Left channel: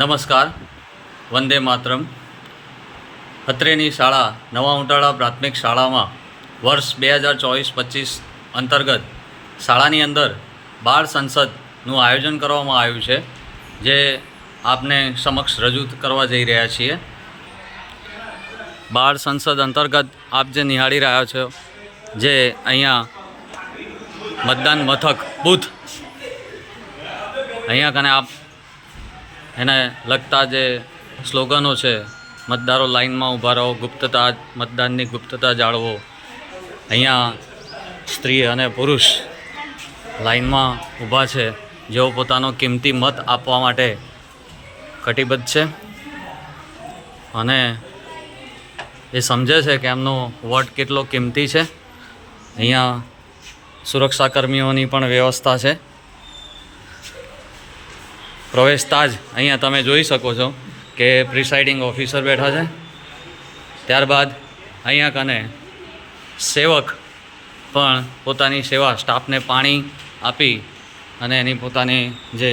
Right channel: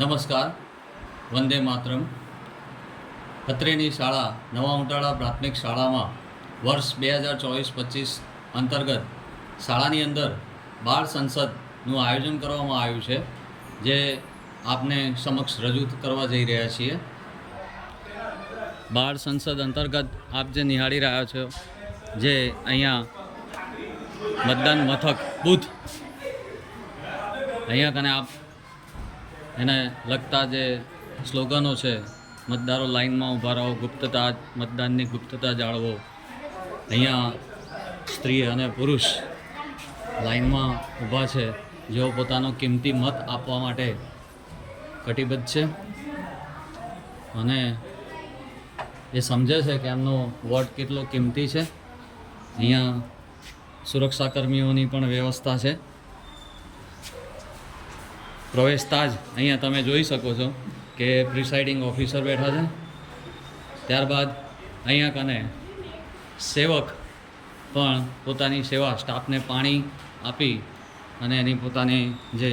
નમસ્કાર. વંદે માતરમ. અત્રેની શાળા નવા ઉંટાળા પ્રાથમિક શાળામાં વર્ષ 2024-25 અંતર્ગત શાળાની અંદર બાળ સંસદનું આયોજન કરવામાં આવ્યું છે, જે આપને સમક્ષ રજૂ કરવા જઈ રહ્યા છીએ. બાળ સંસદ અંતર્ગત આપ જે નિહાળી રહ્યા છો, જે અહીંયા મતદાન મથક બૂથ, અહીંયા કને આપ એને લગતા જે સ્લોગનો છે, મતદારો લાઇનમાં ઊભા રહો, ગુપ્તતા મતદાનની ગુપ્તતા જાળવો, અહીંયા સ્ત્રી અને પુરુષ લાઇનમાં ઊભા છે, જેઓ પોતાનો કિંમતી મત આપવા માટે કટિબદ્ધ છે અને એ સમજે છે કે એમનો વોટ કેટલો કિંમતી છે. અહીંયા સુરક્ષાકર્મીઓની પણ વ્યવસ્થા છે. પ્રવેશતા જ અહીંયા તમે જોઈ શકો છો કે પ્રિસાઇડિંગ ઓફિસર બેઠા છે. ત્યારબાદ અહીંયા કને સેવક પણ પોતાની સેવા, સ્ટાફને પાણી આપી અને એની પોતાની જે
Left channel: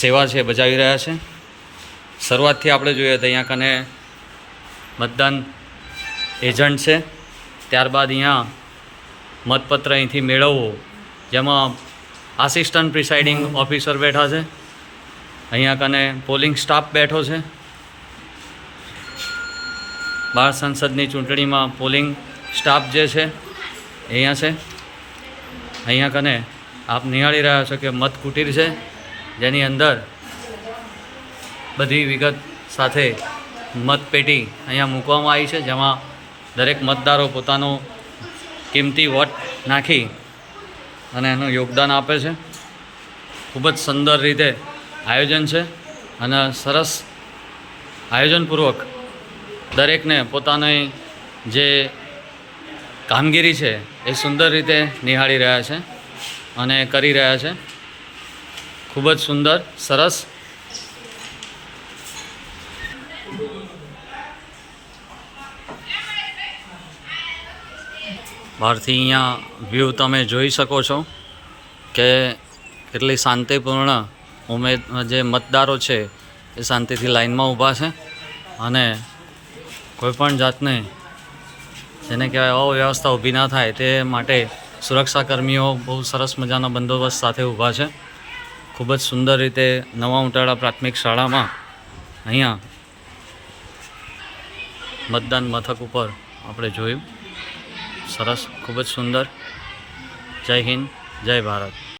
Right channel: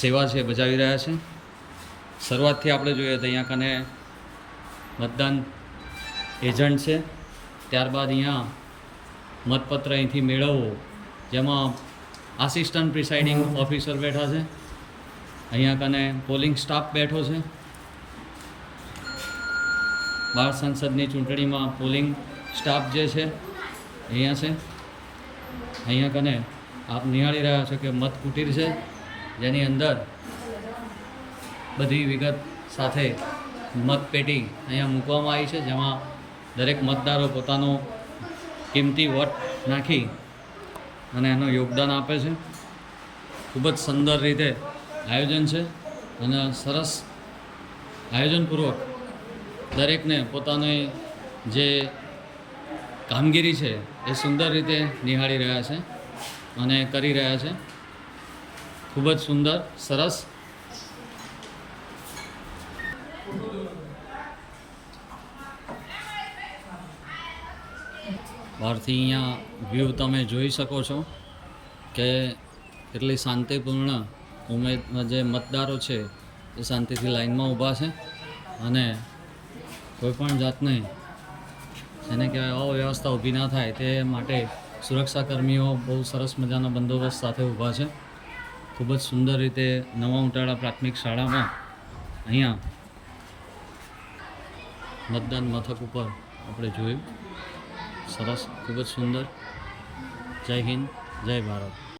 સેવા છે બજાવી રહ્યા છે. શરૂઆતથી આપણે જોઈએ તો અહીંયા કને મતદાન એજન્ટ છે. ત્યારબાદ અહીંયા મતપત્ર અહીંથી મેળવવો, જેમાં આસિસ્ટન્ટ પ્રિસાઇડિંગ ઓફિસર બેઠા છે. અહીંયા કને પોલિંગ સ્ટાફ બેઠો છે. બાળ સંસદની ચૂંટણીમાં પોલિંગ સ્ટાફ જે છે અહીંયા છે. અહીંયા કને આપ નિહાળી રહ્યા છો કે મત કુટીર છે, જેની અંદર બધી વિગત સાથે મતપેટી અહીંયા મૂકવામાં આવી છે, જેમાં દરેક મતદારો પોતાનો કિંમતી વોટ નાખી અને એનું યોગદાન આપે છે. ખૂબ જ સુંદર રીતે આયોજન છે અને સરસ આયોજનપૂર્વક દરેકને પોતાની જે કામગીરી છે એ સુંદર રીતે નિહાળી રહ્યા છે અને કરી રહ્યા છે. ખૂબ જ સુંદર, સરસ. બહારથી અહીંયા વ્યૂ તમે જોઈ શકો છો કે કેટલી શાંતિપૂર્ણ જે મતદારો છે એ શાંતિથી લાઇનમાં ઊભા છે અને કોઈપણ જાતને જેને કહેવાય અવ્યવસ્થા ઊભી ના થાય તે માટે સુરક્ષાકર્મીઓ બહુ સરસ મજાના બંદોબસ્ત સાથે ઊભા છે. ખૂબ જ સુંદર રીતે નવા ઉંટાળા પ્રાથમિક શાળામાં અહીંયા મતદાન મથક ઉપર આપણે જોયું. સરસ, ખૂબ જ સુંદર. જય હિન્દ, જય ભારત.